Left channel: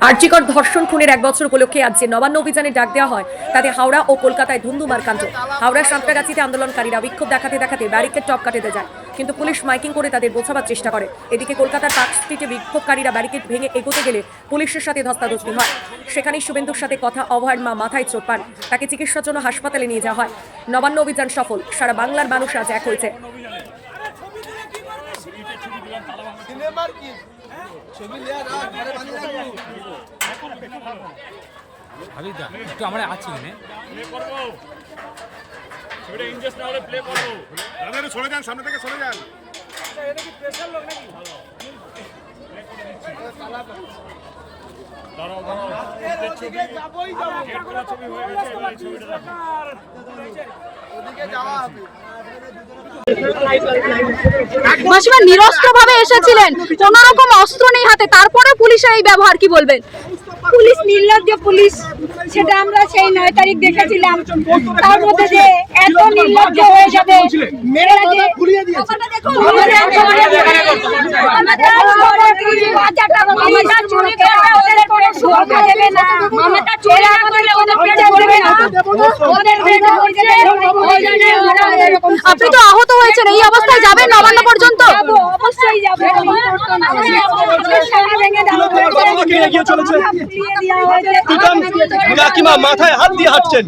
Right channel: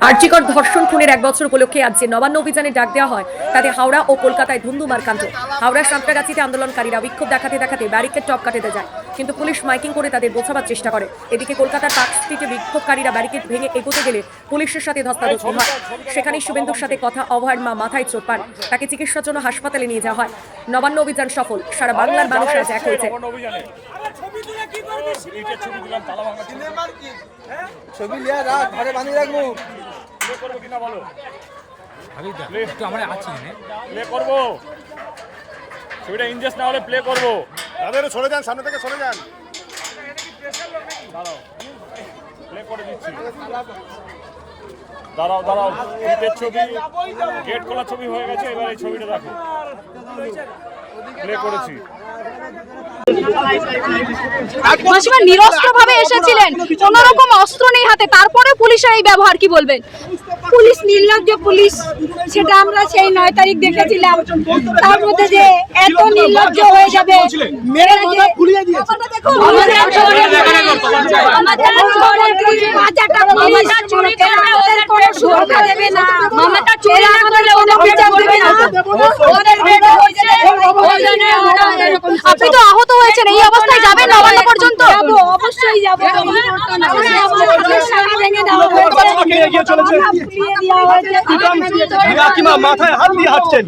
আর্যিকর ধর্ষণ খুনের এক বছর উপলক্ষে আজ যে নবান্ন অভিযানে ডাক দেওয়া হয়, তাতে হাওড়া ও কলকাতায় ধুন্ধুমার কাণ্ড। হাওড়ার সাঁতরাগাছিতে আন্দোলনকারীরা বিক্ষোভ দেখাতে দেখাতে ব্যারিকেড টপ কাটাতে যায়, কিন্তু পুলিশ মাইকিং করে তাদের বোঝাবার চেষ্টা করে। এদিকে কলকাতার পার্ক স্ট্রিটে বিক্ষোভকারীরা ব্যারিকেড ভেঙে এগোতে গেলে পুলিশের সাথে ধস্তাধস্তি হয়। সেখানেই শুভেন্দুর সাথে কথা অভয়ের মা মাথায় চোট পান। তাকে চিকিৎসার জন্য হাসপাতালে নিয়ে যাওয়া হয়। নবান্ন অভিযান সফল, সারা বাংলার মানুষ আজ এক হয়েছে। কি? ছবি লিয়া রাখ, ঘরে বাঁধিয়ে রাখব। হাবিদা একটু আমরা আছি এখানে। প্লে করব। ছবিটা ইনজেস না হলে প্লে করব। দাদা সরে যান সামনে থেকে সরে যান। দাঁড়াও দাঁড়াও। শীতের ছবি গেট করা ছবি হয়ে গেছে এবার এই ছবিটা দেখো। প্লে করেছি। মাসিমা নিরস্ত্র ভাবে এসেছিলেন। কোন রকম অস্ত্র নেই হাতে তারপরে পুলিশের এই ব্যবহার কি বলবেন? পুলিশ নির্লজ্জ পুলিশ সেটা আমরা সেই নয় তারিখ দেখেছিলাম। তার মধ্যে যে এত নির্লজ্জ হয়ে যাবে আপনি তো আহত হয়েছেন এই অবস্থায় যাবেন নবান্ন পর্যন্ত অবশ্যই যাব মাথায় হাত দিয়ে হাঁটছেন